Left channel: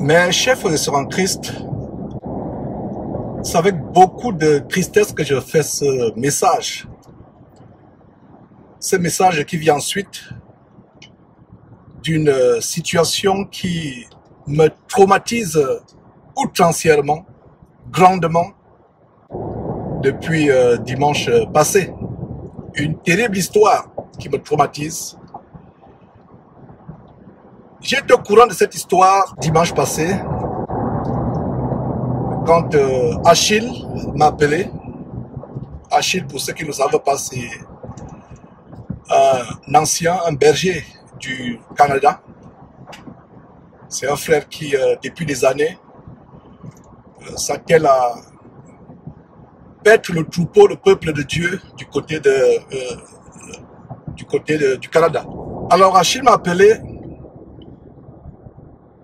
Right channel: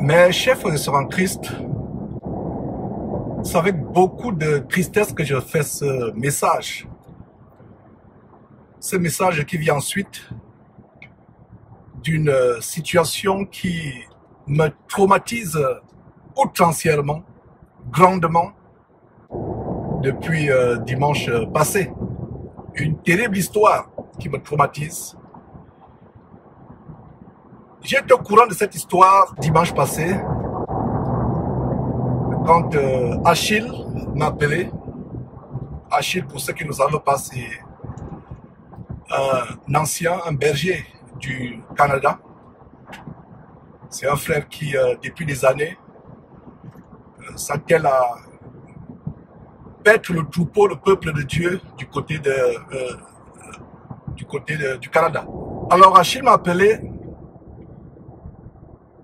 Mes chers frères et sœurs en Christ, c'est avec beaucoup de tristesse que je fais ce message. Ce message qui vient ensuite d'une situation qui me traumatise outrancièrement, grandement, depuis dimanche passé. Une terrible histoire qui me traumatise. J'étais au courant de cette histoire dimanche passé, quand Achille m'a appelé. Achille, pour ceux qui ne savent pas, c'est un berger du Canada. C'est un frère qui, depuis des années, s'attelle à paître le troupeau, le peuple de Dieu du côté du Canada. Alors Achille m'a appelé.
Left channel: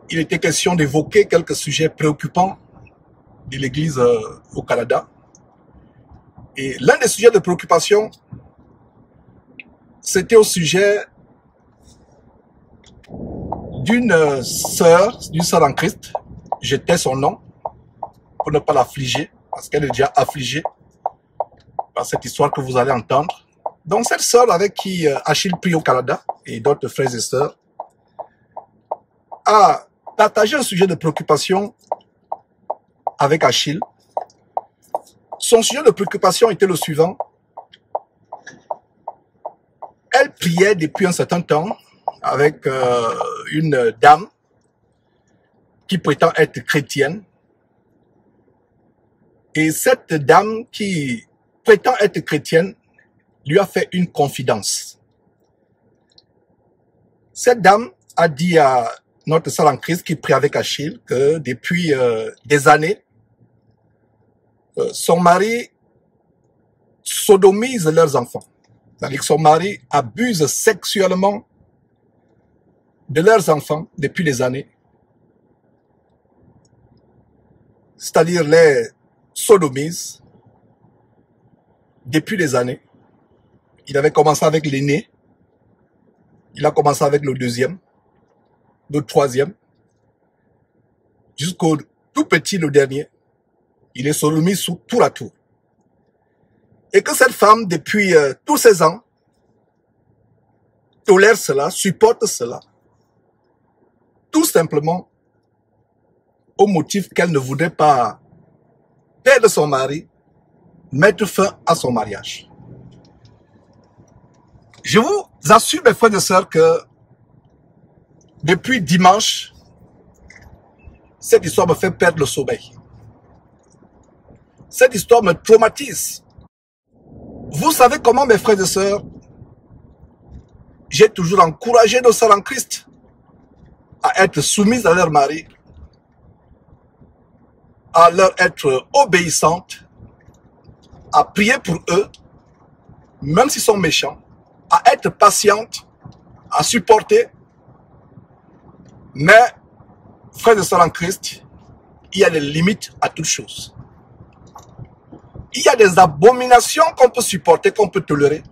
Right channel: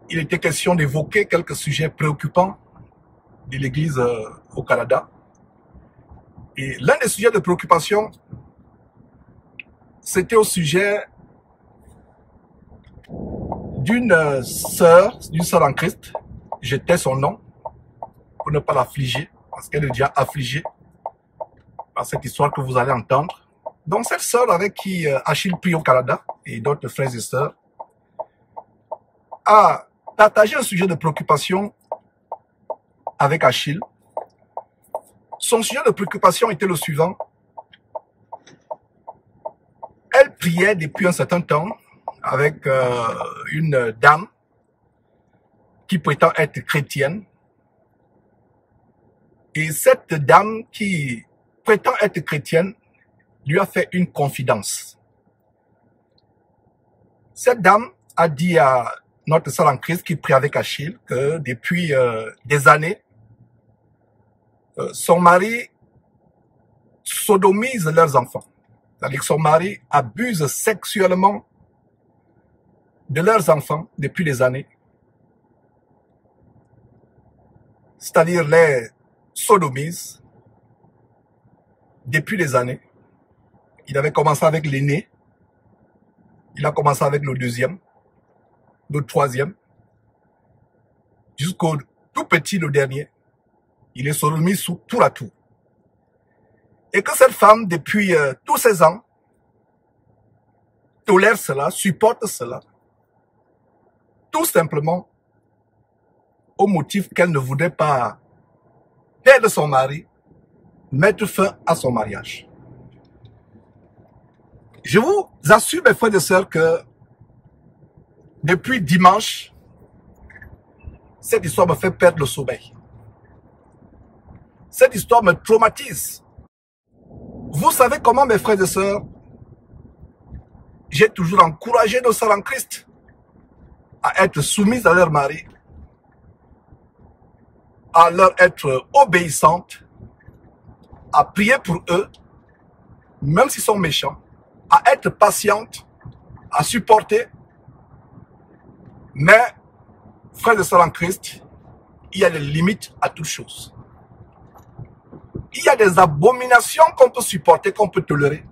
Il était question d'évoquer quelques sujets préoccupants de l'Église au Canada. Et l'un des sujets de préoccupation, c'était au sujet d'une sœur en Christ. Je tais son nom pour ne pas l'affliger, parce qu'elle est déjà affligée par cette histoire que vous allez entendre. Donc cette sœur avec qui Achille prie au Canada et d'autres frères et sœurs a partagé un sujet de préoccupation avec Achille. Son sujet de préoccupation était le suivant. Elle priait depuis un certain temps avec une dame qui prétend être chrétienne. Et cette dame qui prétend être chrétienne lui a fait une confidence. Cette dame a dit à notre sœur en Christ qui prie avec Achille que depuis des années, son mari sodomise leurs enfants. C'est-à-dire que son mari abuse sexuellement de leurs enfants depuis des années. C'est-à-dire les sodomise depuis des années. Il avait commencé avec l'aîné. Il a commencé avec le deuxième, le troisième, jusqu'au tout petit, le dernier. Il est sodomisé sous tour à tour. Et que cette femme, depuis tous ces ans, tolère cela, supporte cela, tout simplement au motif qu'elle ne voudrait pas perdre son mari, mettre fin à son mariage. Je vous assure, mes frères et sœurs, que depuis dimanche, cette histoire me fait perdre le sommeil. Cette histoire me traumatise. Vous savez comment, mes frères et sœurs, j'ai toujours encouragé nos sœurs en Christ à être soumises à leur mari, à leur être obéissantes, à prier pour eux, même s'ils sont méchants, à être patientes, à supporter. Mais, frères et sœurs en Christ, il y a des limites à toute chose. Il y a des abominations qu'on peut supporter, qu'on peut tolérer.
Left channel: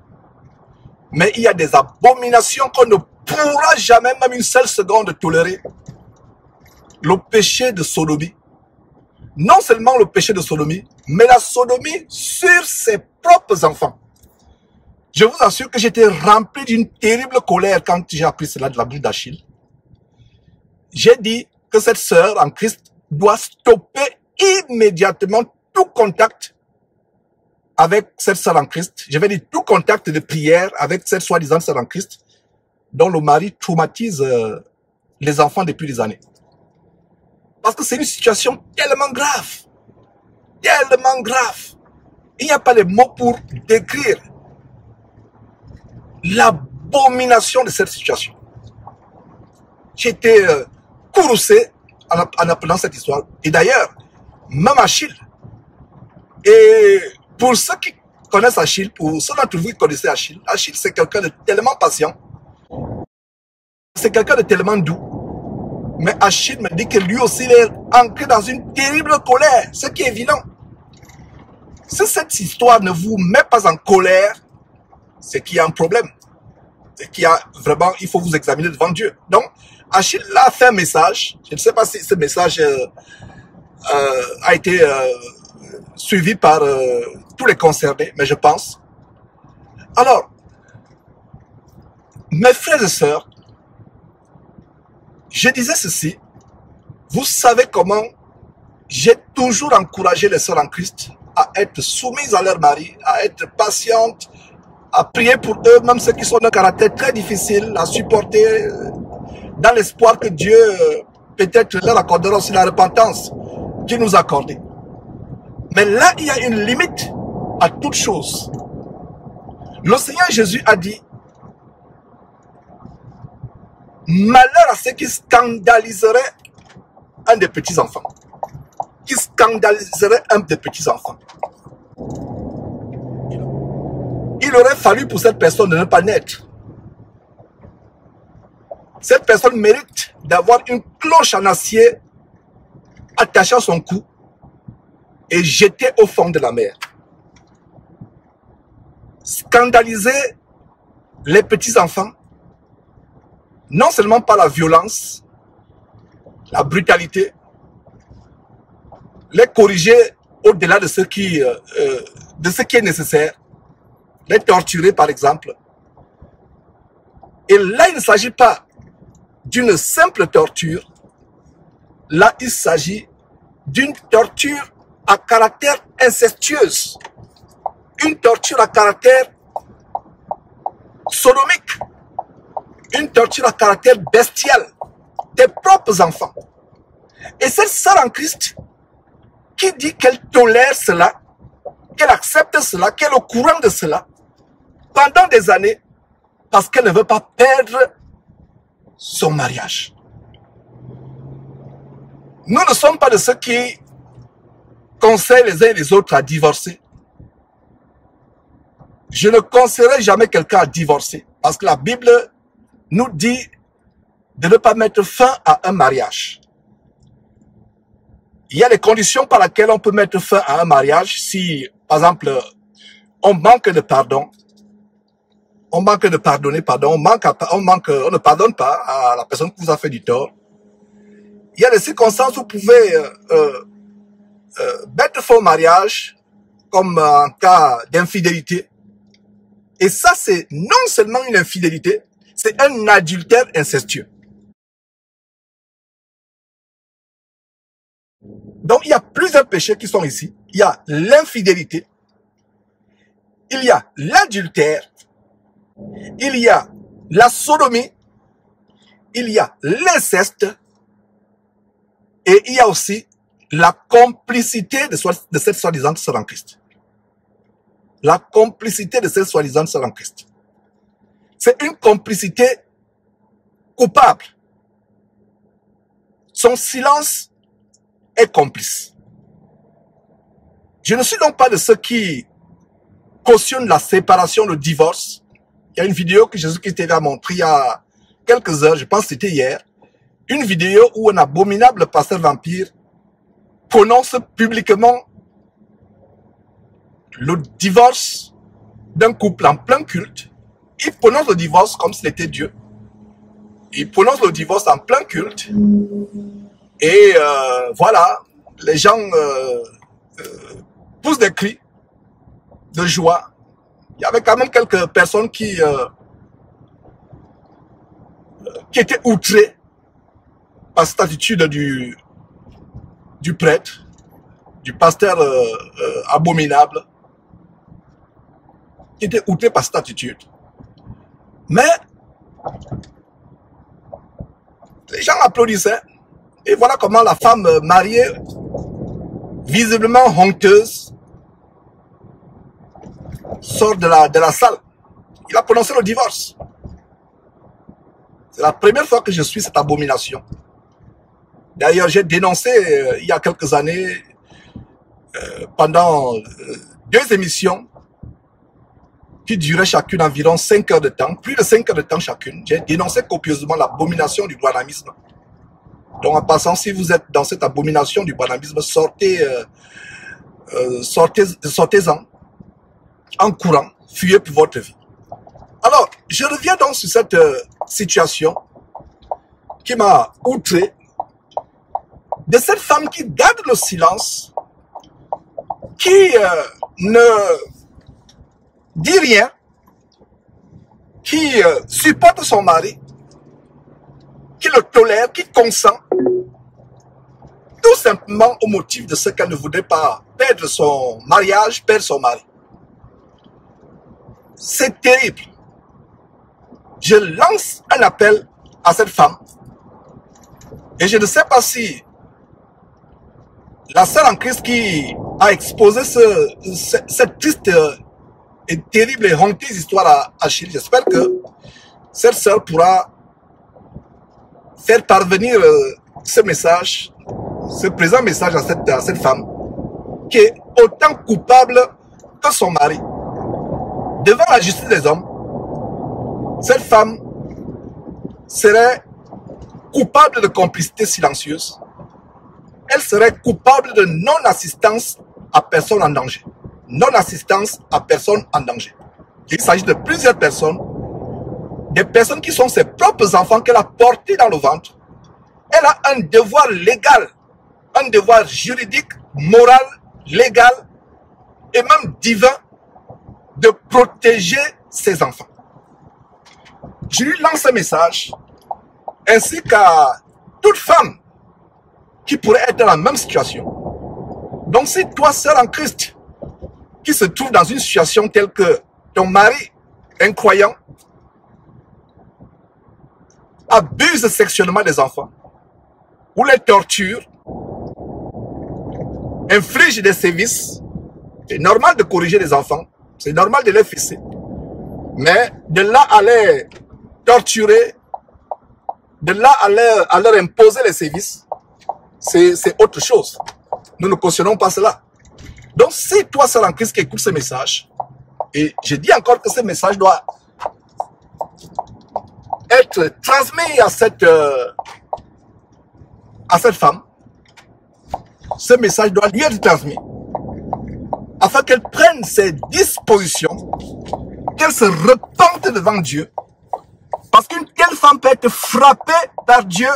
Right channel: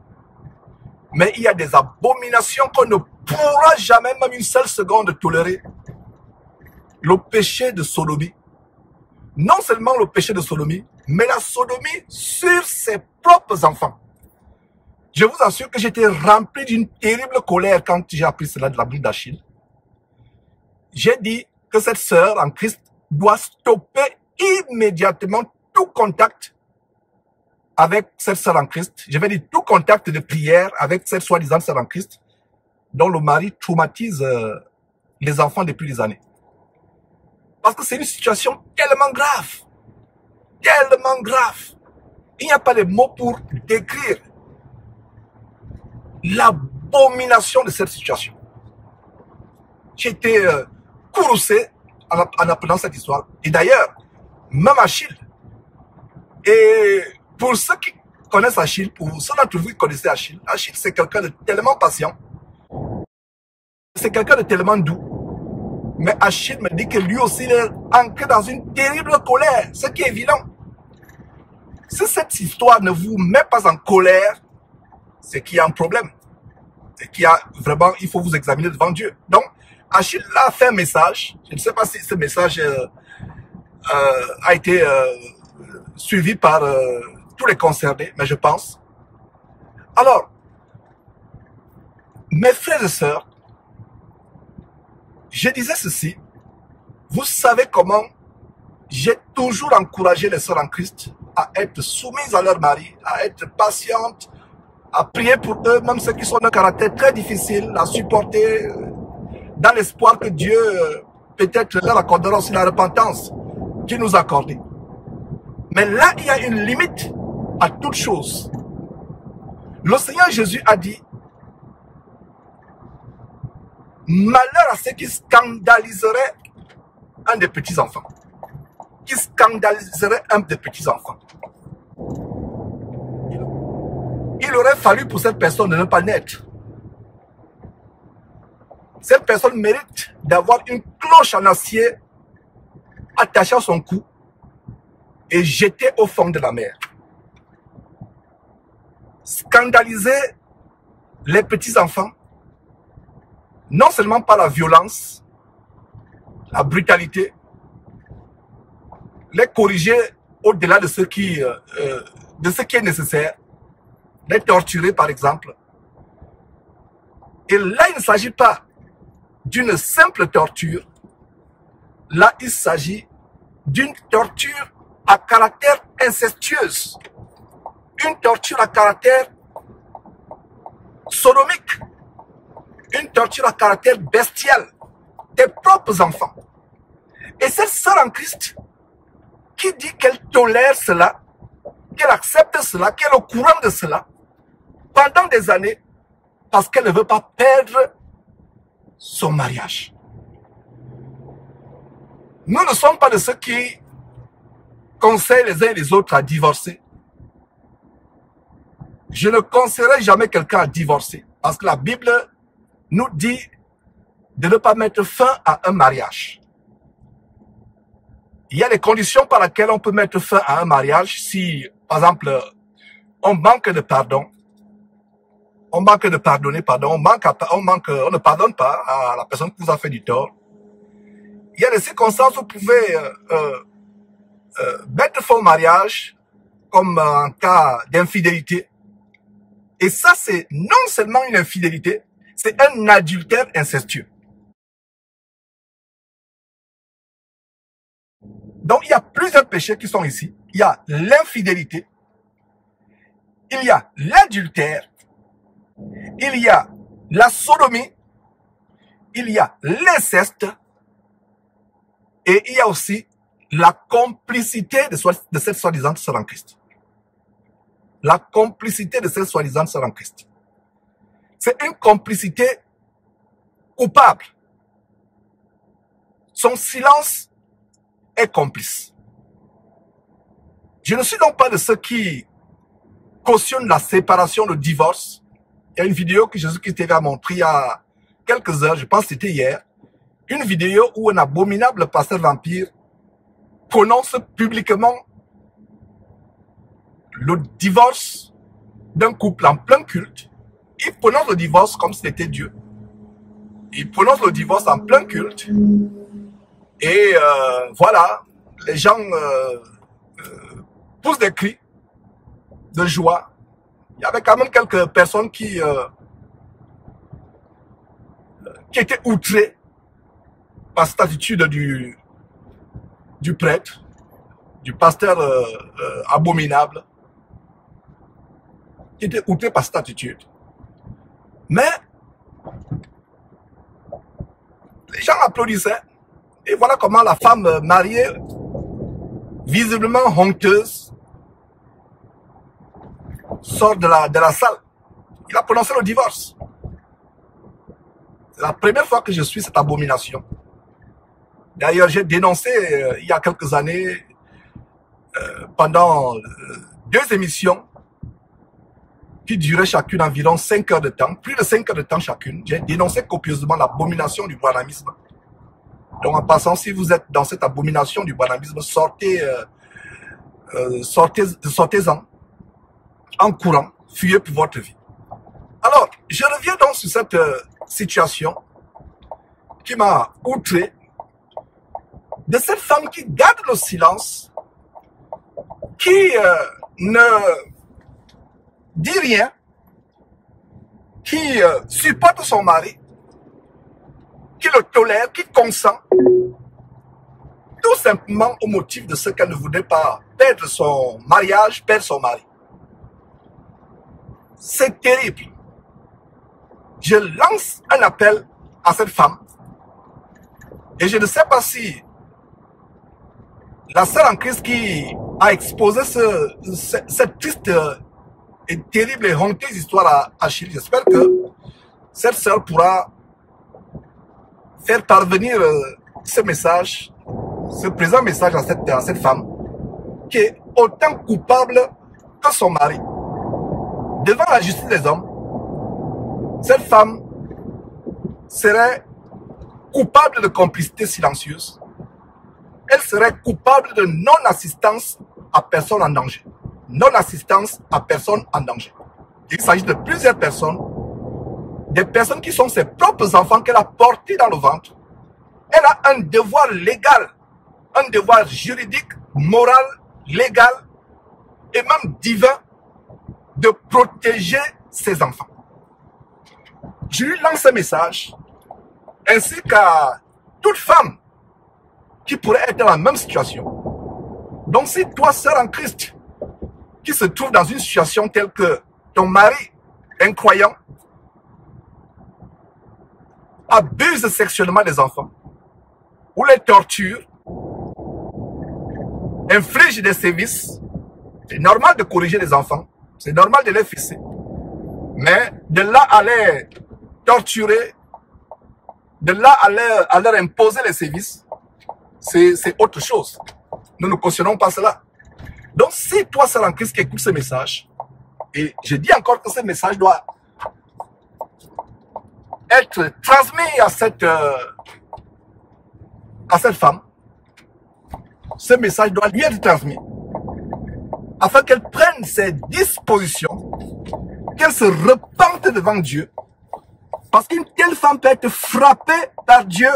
Mais il y a des abominations qu'on ne pourra jamais, même une seule seconde, tolérer. Le péché de sodomie. Non seulement le péché de sodomie, mais la sodomie sur ses propres enfants. Je vous assure que j'étais rempli d'une terrible colère quand j'ai appris cela de la bouche d'Achille. J'ai dit que cette sœur en Christ doit stopper immédiatement tout contact avec cette sœur en Christ. Je vais dire tout contact de prière avec cette soi-disant sœur en Christ dont le mari traumatise les enfants depuis des années. Parce que c'est une situation tellement grave. Tellement grave. Il n'y a pas de mots pour décrire l'abomination de cette situation. J'ai été courroucé en apprenant cette histoire. Et d'ailleurs, même Achille. Et pour ceux qui connaissent Achille, pour ceux d'entre vous qui connaissez Achille, Achille c'est quelqu'un de tellement patient. C'est quelqu'un de tellement doux. Mais Achille me dit que lui aussi il est ancré dans une terrible colère, ce qui est évident. Si cette histoire ne vous met pas en colère, c'est qu'il y a un problème. C'est qu'il y a vraiment, il faut vous examiner devant Dieu. Donc, Achille a fait un message. Je ne sais pas si ce message a été suivi par tous les concernés, mais je pense. Alors, mes frères et sœurs, je disais ceci. Vous savez comment j'ai toujours encouragé les sœurs en Christ à être soumises à leur mari, à être patientes, à prier pour eux, même ceux qui sont d'un caractère très difficile, à supporter dans l'espoir que Dieu peut-être leur accordera aussi la repentance qu'il nous a accordée. Mais là, il y a une limite à toute chose. Le Seigneur Jésus a dit, malheur à ceux qui scandaliseraient un des petits-enfants. Qui scandaliserait un des petits-enfants. Il aurait fallu pour cette personne de ne pas naître. Cette personne mérite d'avoir une cloche en acier attachée à son cou et jetée au fond de la mer. Scandaliser les petits-enfants, non seulement par la violence, la brutalité, les corriger au-delà de ce qui est nécessaire, les torturer par exemple. Et là, il ne s'agit pas d'une simple torture. Là, il s'agit d'une torture à caractère incestueuse, une torture à caractère sodomique, une torture à caractère bestial des propres enfants. Et cette sœur en Christ qui dit qu'elle tolère cela, qu'elle accepte cela, qu'elle est au courant de cela, pendant des années, parce qu'elle ne veut pas perdre son mariage. Nous ne sommes pas de ceux qui conseillent les uns et les autres à divorcer. Je ne conseillerai jamais quelqu'un à divorcer, parce que la Bible nous dit de ne pas mettre fin à un mariage. Il y a des conditions par lesquelles on peut mettre fin à un mariage si, par exemple, on manque de pardon, on manque de pardonner, on ne pardonne pas à la personne qui vous a fait du tort. Il y a des circonstances où vous pouvez mettre fin au mariage, comme en cas d'infidélité. Et ça, c'est non seulement une infidélité, c'est un adultère incestueux. Donc, il y a plusieurs péchés qui sont ici. Il y a l'infidélité, il y a l'adultère, il y a la sodomie, il y a l'inceste, et il y a aussi la complicité de cette soi-disant sœur en Christ. La complicité de cette soi-disant sœur en Christ. C'est une complicité coupable. Son silence est complice. Je ne suis donc pas de ceux qui cautionnent la séparation, le divorce. Il y a une vidéo que Jésus-Christ a montrée il y a quelques heures, je pense que c'était hier. Une vidéo où un abominable pasteur vampire prononce publiquement le divorce d'un couple en plein culte. Il prononce le divorce comme s'il était Dieu. Il prononce le divorce en plein culte. Et voilà, les gens poussent des cris de joie. Il y avait quand même quelques personnes qui étaient outrées par cette attitude du prêtre, du pasteur abominable, qui étaient outrés par cette attitude. Mais les gens applaudissaient. Et voilà comment la femme mariée, visiblement honteuse, sort de la salle. Il a prononcé le divorce. C'est la première fois que je suis cette abomination. D'ailleurs, j'ai dénoncé il y a quelques années, pendant 2 émissions, qui duraient chacune environ 5 heures de temps, plus de 5 heures de temps chacune. J'ai dénoncé copieusement l'abomination du branhamisme. Donc en passant, si vous êtes dans cette abomination du branhamisme, sortez-en en courant, fuyez pour votre vie. Alors, je reviens donc sur cette situation qui m'a outré, de cette femme qui garde le silence, qui ne dit rien, qui supporte son mari, qui le tolère, qui consent, tout simplement au motif de ce qu'elle ne voudrait pas perdre son mariage, perdre son mari. C'est terrible. Je lance un appel à cette femme et je ne sais pas si la sœur en Christ qui a exposé cette triste et terrible et honteuse histoire à Achille, j'espère que cette sœur pourra faire parvenir ce message, ce présent message à cette femme qui est autant coupable que son mari. Devant la justice des hommes, cette femme serait coupable de complicité silencieuse. Elle serait coupable de non-assistance à personne en danger. Non-assistance à personne en danger. Il s'agit de plusieurs personnes, des personnes qui sont ses propres enfants qu'elle a portés dans le ventre. Elle a un devoir légal, un devoir juridique, moral, légal et même divin de protéger ses enfants. Je lui lance un message, ainsi qu'à toute femme qui pourrait être dans la même situation. Donc si toi, sœur en Christ, qui se trouve dans une situation telle que ton mari, incroyant, abuse sexuellement des enfants, ou les torture, inflige des sévices, c'est normal de corriger les enfants, c'est normal de les fesser. Mais de là à les torturer, de là à leur imposer les sévices, c'est autre chose. Nous ne cautionnons pas cela. Donc si toi, sœur en Christ, qui écoute ce message, et je dis encore que ce message doit être transmis à cette femme, ce message doit lui être transmis, afin qu'elle prenne ses dispositions, qu'elle se repente devant Dieu, parce qu'une telle femme peut être frappée par Dieu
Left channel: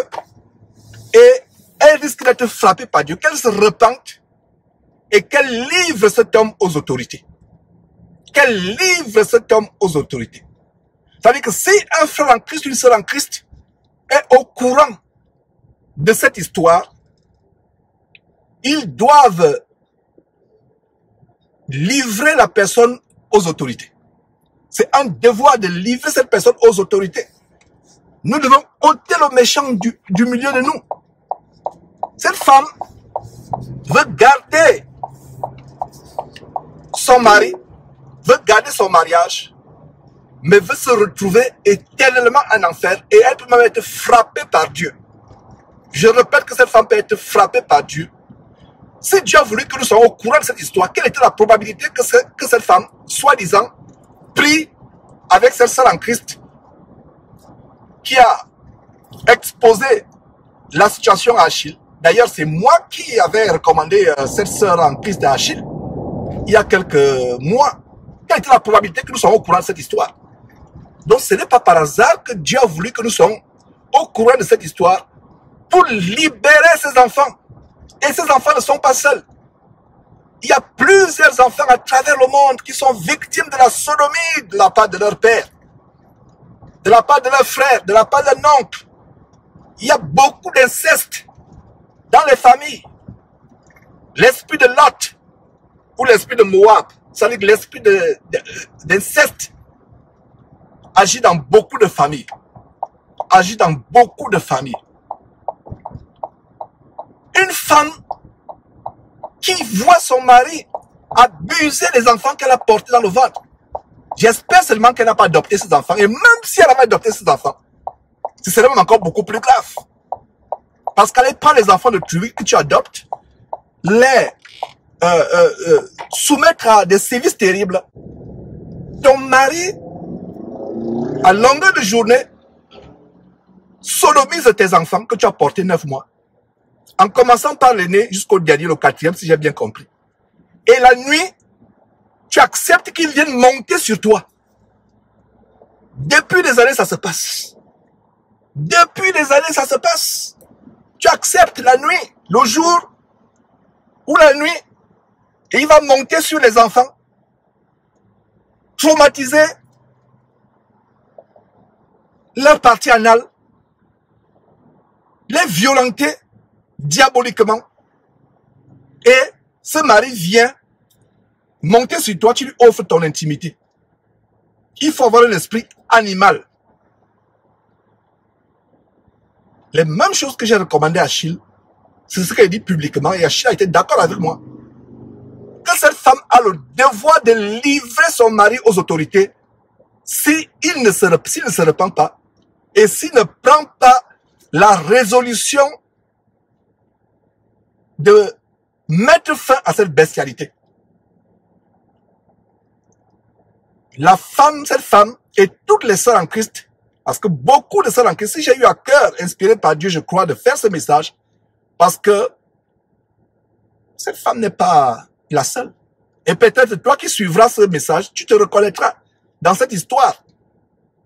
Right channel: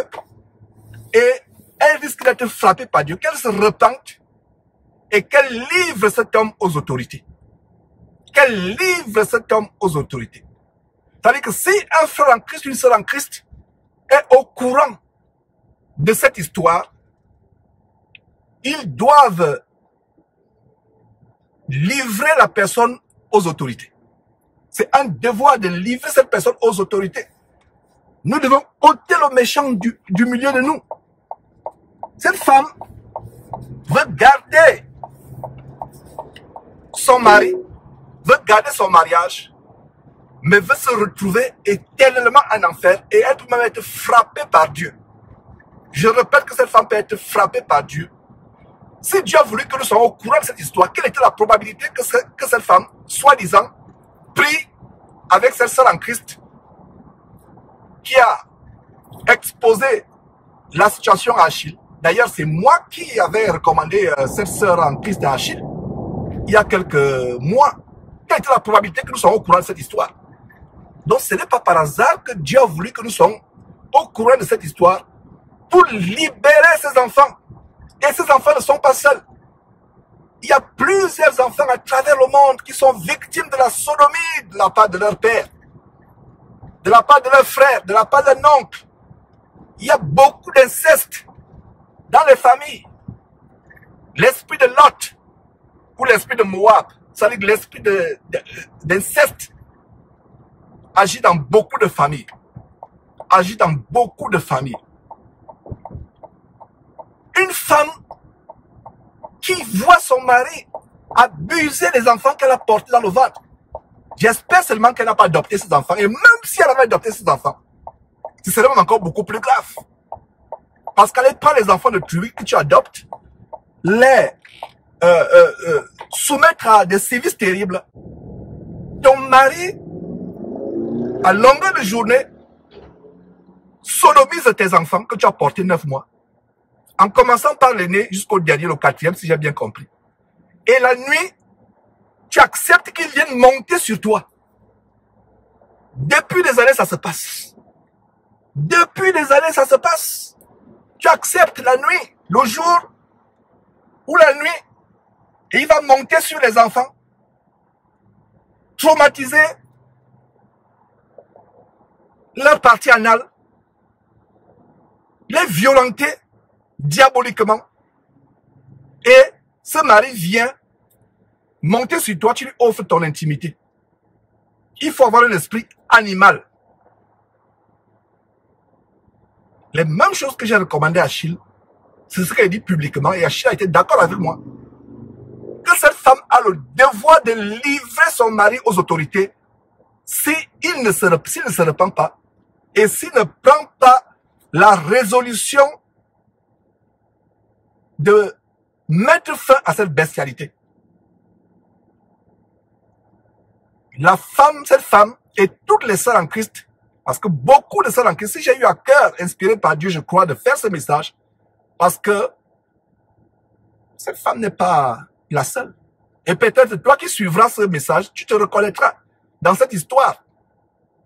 et elle risque d'être frappée par Dieu, qu'elle se repente et qu'elle livre cet homme aux autorités. Qu'elle livre cet homme aux autorités. C'est-à-dire que si un frère en Christ, une sœur en Christ est au courant de cette histoire, ils doivent livrer la personne aux autorités. C'est un devoir de livrer cette personne aux autorités. Nous devons ôter le méchant du milieu de nous. Cette femme veut garder son mari, veut garder son mariage, mais veut se retrouver éternellement en enfer et elle peut même être frappée par Dieu. Je répète que cette femme peut être frappée par Dieu. Si Dieu a voulu que nous soyons au courant de cette histoire, quelle était la probabilité que cette femme, soi-disant, prie avec cette sœur en Christ qui a exposé la situation à Achille? D'ailleurs, c'est moi qui avais recommandé cette sœur en Christ à Achille il y a quelques mois. Quelle était la probabilité que nous soyons au courant de cette histoire? Donc, ce n'est pas par hasard que Dieu a voulu que nous soyons au courant de cette histoire pour libérer ses enfants. Et ces enfants ne sont pas seuls. Il y a plusieurs enfants à travers le monde qui sont victimes de la sodomie de la part de leur père, de la part de leur frère, de la part de leur oncle. Il y a beaucoup d'inceste dans les familles. L'esprit de Lot ou l'esprit de Moab, c'est-à-dire l'esprit d'inceste, agit dans beaucoup de familles. Agit dans beaucoup de familles. Une femme qui voit son mari abuser les enfants qu'elle a portés dans le ventre. J'espère seulement qu'elle n'a pas adopté ces enfants. Et même si elle avait adopté ces enfants, ce serait même encore beaucoup plus grave. Parce qu'elle prend les enfants de tribu que tu adoptes, les soumettre à des sévices terribles. Ton mari, à longueur de journée, sodomise tes enfants que tu as portés 9 mois. En commençant par l'aîné jusqu'au dernier, le 4e, si j'ai bien compris. Et la nuit, tu acceptes qu'ils viennent monter sur toi. Depuis des années, ça se passe. Depuis des années, ça se passe. Tu acceptes la nuit, le jour ou la nuit, et il va monter sur les enfants, traumatiser leur partie anale, les violenter diaboliquement. Et ce mari vient monter sur toi, tu lui offres ton intimité. Il faut avoir un esprit animal. Les mêmes choses que j'ai recommandées à Achille, c'est ce qu'elle dit publiquement, et Achille a été d'accord avec moi. Que cette femme a le devoir de livrer son mari aux autorités s'il ne se repent pas et s'il ne prend pas la résolution de mettre fin à cette bestialité. La femme, cette femme et toutes les sœurs en Christ, parce que beaucoup de sœurs en Christ, si j'ai eu à cœur, inspiré par Dieu, je crois, de faire ce message, parce que cette femme n'est pas la seule. Et peut-être toi qui suivras ce message, tu te reconnaîtras dans cette histoire.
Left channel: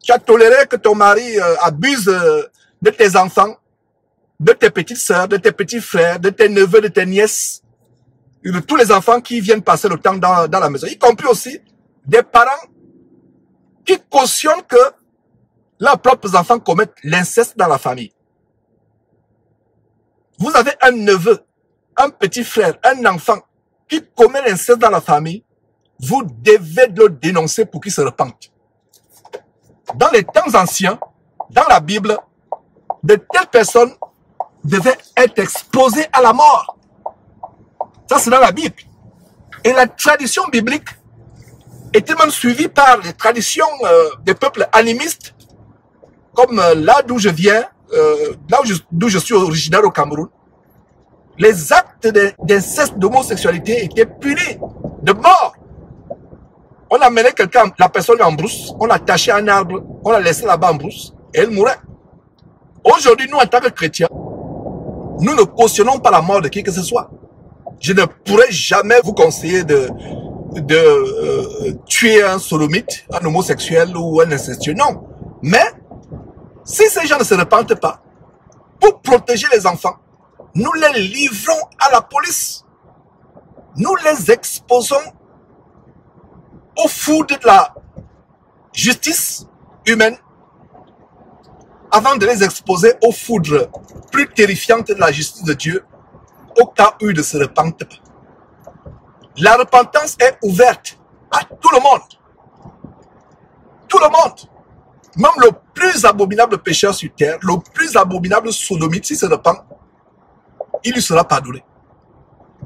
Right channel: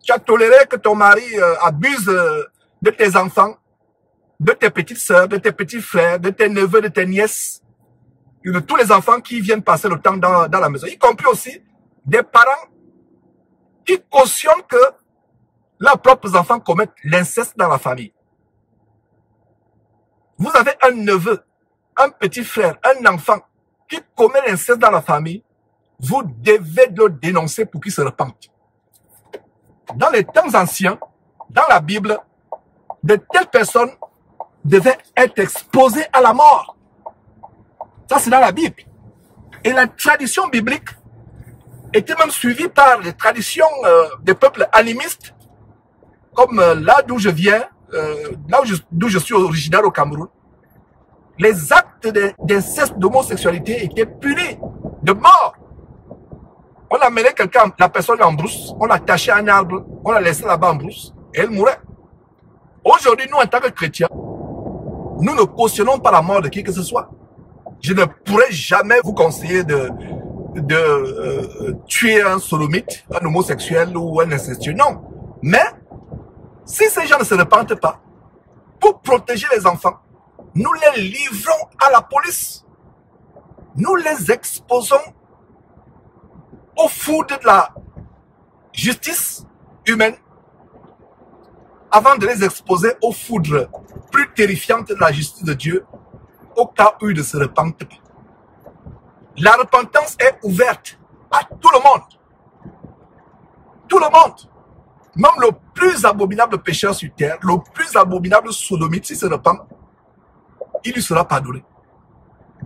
Tu as toléré que ton mari abuse de tes enfants, de tes petites sœurs, de tes petits frères, de tes neveux, de tes nièces, de tous les enfants qui viennent passer le temps dans la maison, y compris aussi des parents qui cautionnent que leurs propres enfants commettent l'inceste dans la famille. Vous avez un neveu, un petit frère, un enfant qui commet l'inceste dans la famille, vous devez le dénoncer pour qu'il se repente. Dans les temps anciens, dans la Bible, de telles personnes devaient être exposées à la mort. Ça, c'est dans la Bible. Et la tradition biblique était même suivie par les traditions des peuples animistes, comme là d'où je viens, d'où je suis originaire au Cameroun. Les actes d'inceste, d'homosexualité étaient punis de mort. On amenait quelqu'un, la personne en brousse, on l'attachait à un arbre, on la laissait là-bas en brousse, et elle mourait. Aujourd'hui, nous, en tant que chrétiens, nous ne cautionnons pas la mort de qui que ce soit. Je ne pourrais jamais vous conseiller de tuer un sodomite, un homosexuel ou un incestueux. Non. Mais, si ces gens ne se repentent pas, pour protéger les enfants, nous les livrons à la police. Nous les exposons au foudre de la justice humaine avant de les exposer au foudre plus terrifiante de la justice de Dieu au cas où ils ne se repentent pas. La repentance est ouverte à tout le monde. Tout le monde. Même le plus abominable pécheur sur terre, le plus abominable sodomite, s'il se repent, il lui sera pardonné.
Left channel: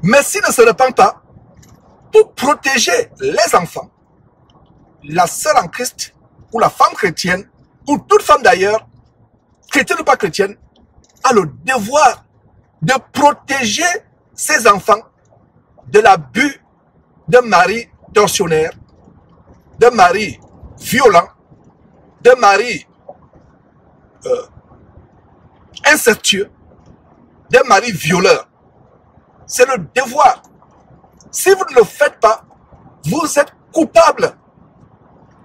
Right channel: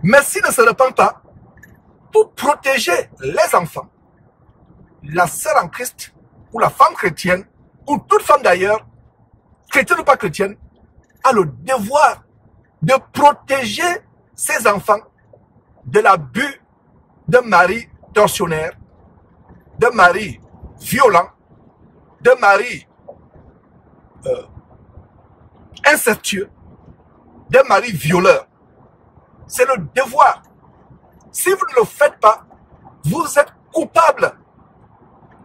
Mais s'il ne se repent pas, pour protéger les enfants, la sœur en Christ, ou la femme chrétienne, ou toute femme d'ailleurs, chrétienne ou pas chrétienne, a le devoir de protéger ses enfants de l'abus d'un mari tortionnaire, d'un mari violent, d'un mari incestueux, d'un mari violeur. C'est le devoir. Si vous ne le faites pas, vous êtes coupable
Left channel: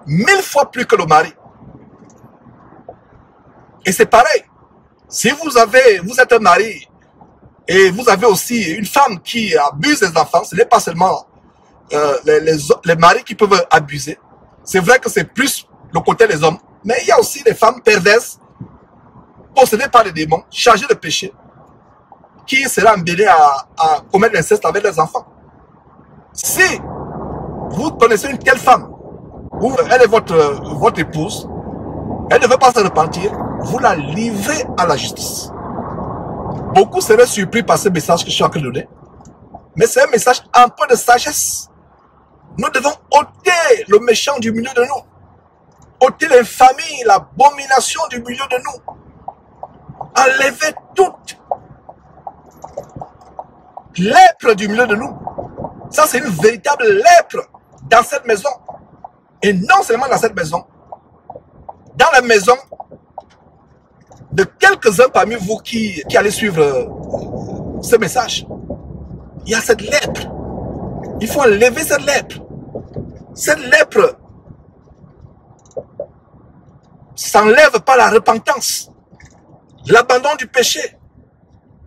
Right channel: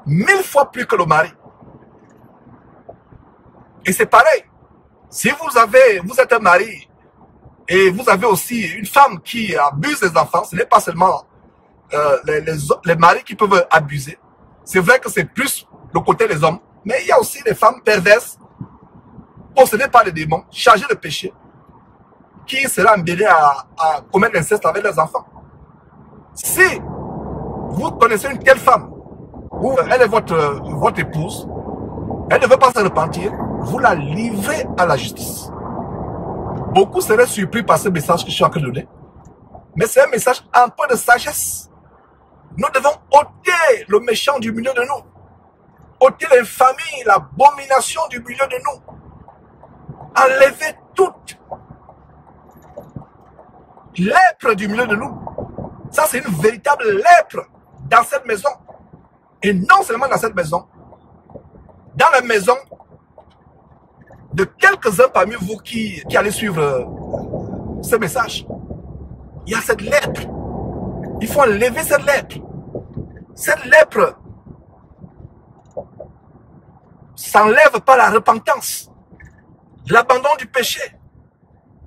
1000 fois plus que le mari. Et c'est pareil. Si vous êtes un mari et vous avez aussi une femme qui abuse des enfants, ce n'est pas seulement les maris qui peuvent abuser. C'est vrai que c'est plus le côté des hommes, mais il y a aussi des femmes perverses, possédées par des démons, chargées de péché, qui seraient embellées à commettre l'inceste avec les enfants. Si vous connaissez une telle femme, ou elle est votre épouse, elle ne veut pas se repentir, vous la livrez à la justice. Beaucoup seraient surpris par ce message que je suis en train de donner, mais c'est un message un peu de sagesse. Nous devons ôter le méchant du milieu de nous, ôter l'infamie, l'abomination du milieu de nous, enlever toute lèpre du milieu de nous. Ça, c'est une véritable lèpre dans cette maison. Et non seulement dans cette maison, dans la maison de quelques-uns parmi vous qui allez suivre ce message. Il y a cette lèpre. Il faut enlever cette lèpre. Cette lèpre s'enlève par la repentance. l'abandon du péché.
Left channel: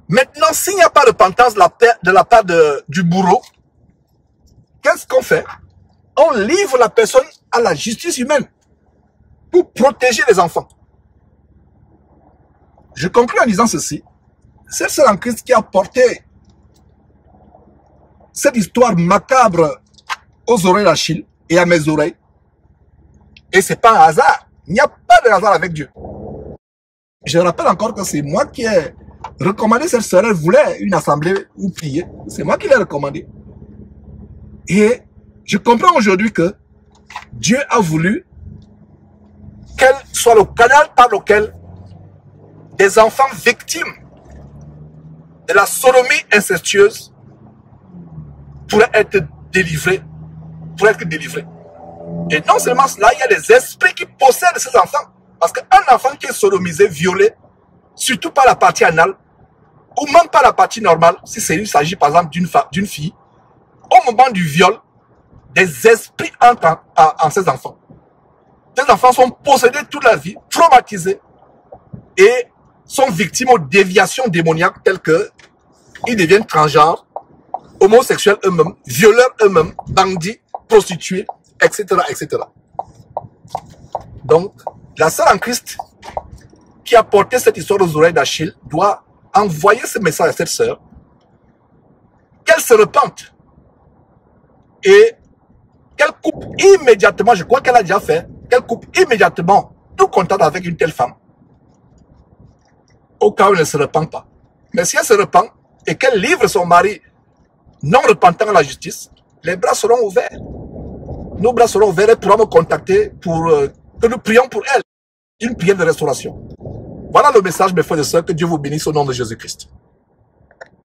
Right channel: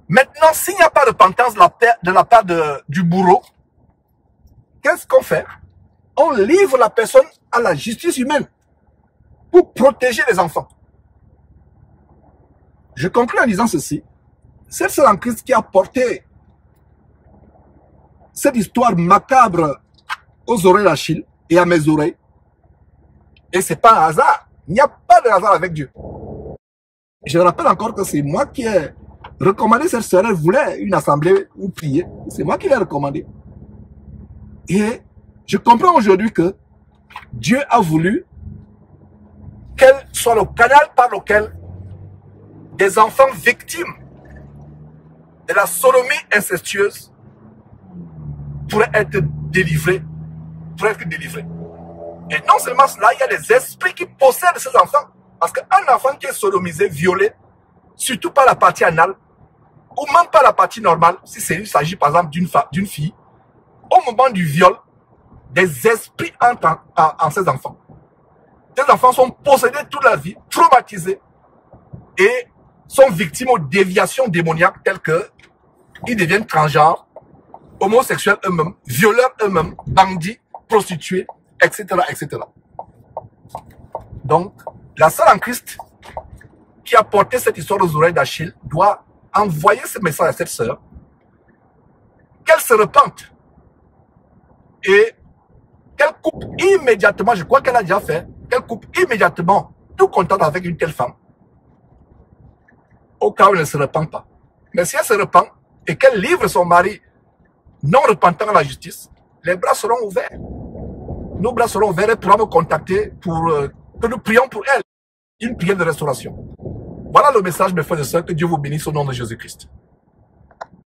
Maintenant, s'il n'y a pas de repentance de la part du bourreau, qu'est-ce qu'on fait? On livre la personne à la justice humaine pour protéger les enfants. Je conclue en disant ceci. C'est celle en Christ qui a porté cette histoire macabre aux oreilles d'Achille et à mes oreilles. Et ce n'est pas un hasard. Il n'y a pas de hasard avec Dieu. Je rappelle encore que c'est moi qui ai recommandé cette sœur. Elle voulait une assemblée ou prier. C'est moi qui l'ai recommandé. Et je comprends aujourd'hui que Dieu a voulu qu'elle soit le canal par lequel des enfants victimes de la sodomie incestueuse pourraient être délivrés. Et non seulement cela, il y a des esprits qui possèdent ces enfants. Parce qu'un enfant qui est sodomisé, violé, surtout par la partie anale, ou même pas la partie normale, si il s'agit par exemple d'une fille, au moment du viol, des esprits entrent en ces enfants. Ces enfants sont possédés toute la vie, traumatisés, et sont victimes aux déviations démoniaques telles que ils deviennent transgenres, homosexuels eux-mêmes, violeurs eux-mêmes, bandits, prostituées, etc., etc. Donc, la sœur en Christ qui a porté cette histoire aux oreilles d'Achille doit envoyer ce message à cette sœur, qu'elle se repente et qu'elle coupe immédiatement, je crois qu'elle a déjà fait, qu'elle coupe immédiatement tout contact avec une telle femme, au cas où elle ne se repent pas. Mais si elle se repent et qu'elle livre son mari non repentant à la justice, les bras seront ouverts. Nos bras seront ouverts, elle pourra me contacter pour que nous prions pour elle. Une prière de restauration. Voilà le message, mes frères et sœurs, que Dieu vous bénisse au nom de Jésus-Christ.